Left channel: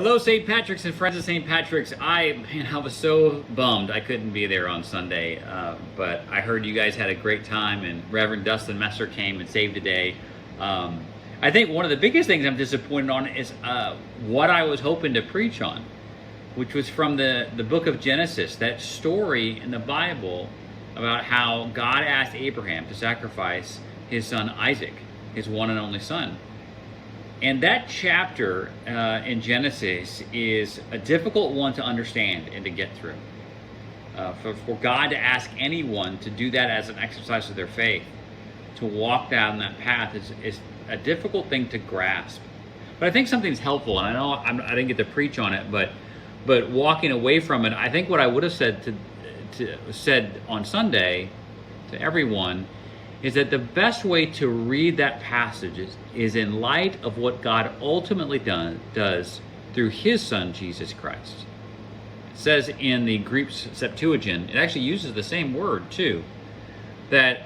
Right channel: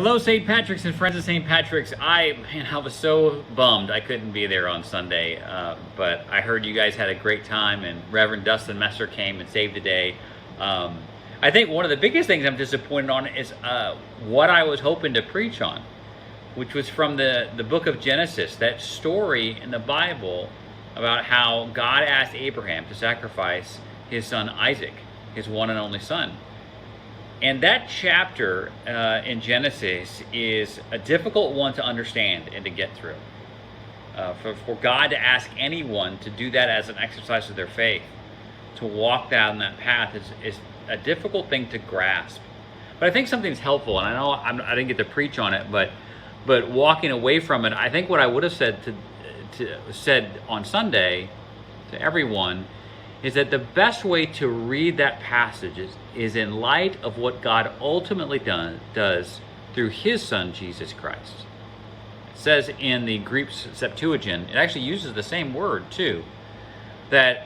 Hello, St. Patrick's and friends of St. Patrick's. I was so bummed I couldn't be there on Sunday, but I heard you guys had a great time, and Reverend Dustin Messer came and saved the day. I think one of the biggest things I'm disappointed on is what I was hoping to preach on, which was from the book of Genesis, that story in the Bible about how God asked Abraham to sacrifice his son Isaac, his one and only son. And that chapter in Genesis is a difficult one to understand and to get through. For God to ask anyone to do that as an exercise of their faith, to walk down that path is a difficult thing to grasp. But I think something's helpful, and I know I didn't get to preach on it, but walking away from it, I think what I would have said on Sunday to everyone is that the best way to read that passage is in light of what God ultimately does through his son, Jesus Christ. It says in the Greek Septuagint, it actually uses the same word too, that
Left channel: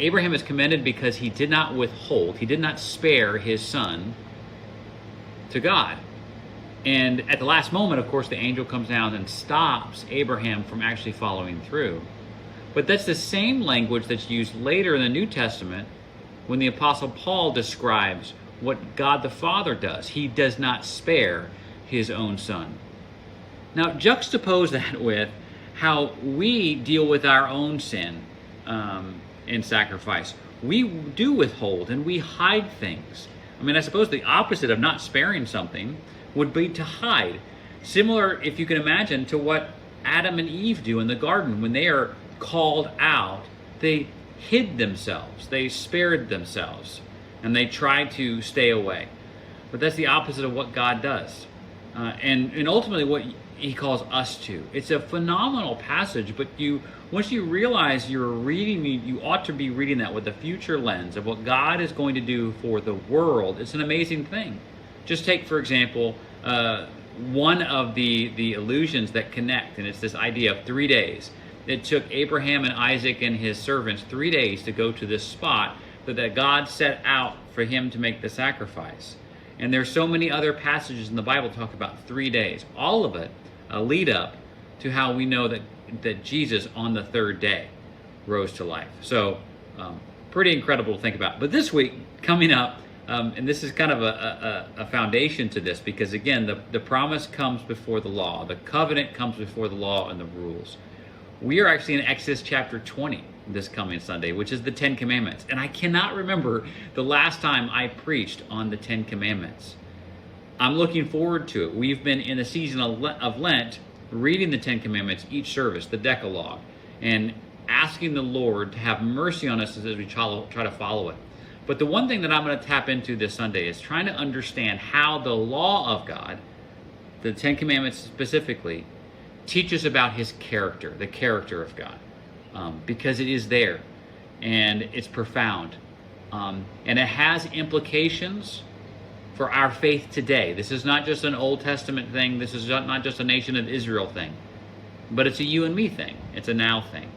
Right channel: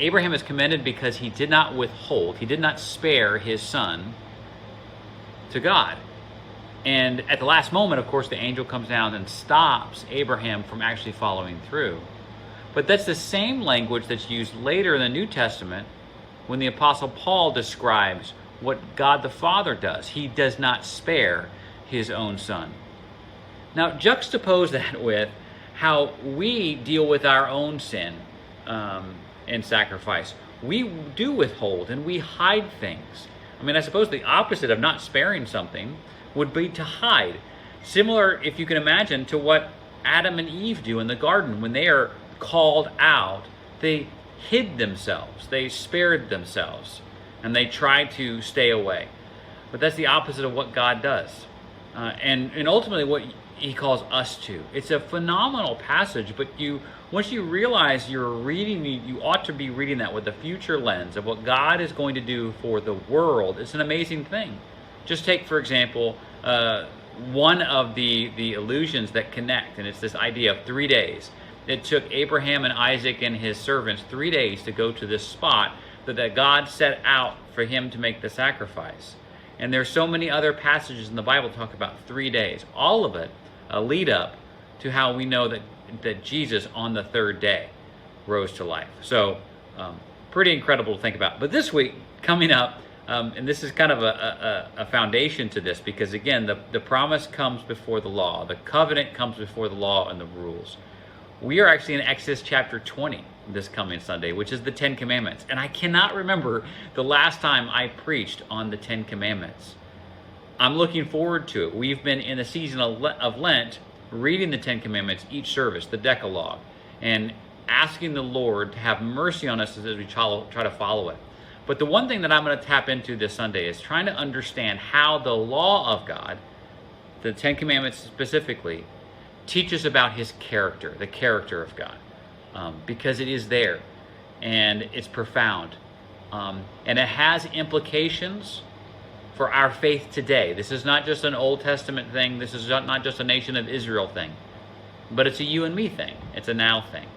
Abraham is commended because he did not withhold, he did not spare his son to God. And at the last moment, of course, the angel comes down and stops Abraham from actually following through. But that's the same language that's used later in the New Testament when the Apostle Paul describes what God the Father does. He does not spare his own son. Now, juxtapose that with how we deal with our own sin in sacrifice. We do withhold and we hide things. I mean, I suppose the opposite of not sparing something would be to hide. Similar, if you can imagine, to what Adam and Eve do in the garden when they are called out. They hid themselves, they spared themselves, and they tried to stay away. But that's the opposite of what God does, and ultimately what he calls us to. It's a phenomenal passage, but once you realize you're reading, you ought to be reading that with the future lens of what God is going to do for the world. It's an amazing thing. Just take, for example, one of the illusions that connect, and it's this idea of 3 days. It took Abraham and Isaac and his servants 3 days to go to this spot that God set out for him to make the sacrifice. And there's so many other passages in the Bible talk about 3 days. All of it a lead up to how we know that Jesus on the third day rose to life. So pretty incredible to think about. But this week, coming up, and this is kind of a foundation to this, because again, the promise comes before the law. The covenant comes before the law and the rules. We are actually in Exodus chapter 20 this coming Sunday, which is the 10 Commandments. And I cannot remember the last time I preached on the 10 Commandments. I'm looking forward to it. We've been in the season of Lent reading the 10 Commandments each service, the Decalogue, and asking the Lord to have mercy on us as we try to follow it. But the one thing that I'm going to tap into this Sunday is trying to understand how the law of God, the 10 Commandments specifically, teach us about his character, the character of God, because it is there and it's profound, and it has implications for our faith today. This is not just an Old Testament thing. This is not just a nation of Israel thing, but it's a you and me thing. It's a now thing.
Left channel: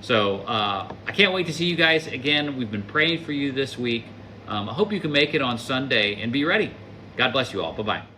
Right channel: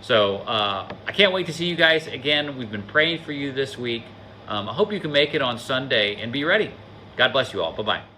So I can't wait to see you guys again. We've been praying for you this week. I hope you can make it on Sunday and be ready. God bless you all. Bye-bye.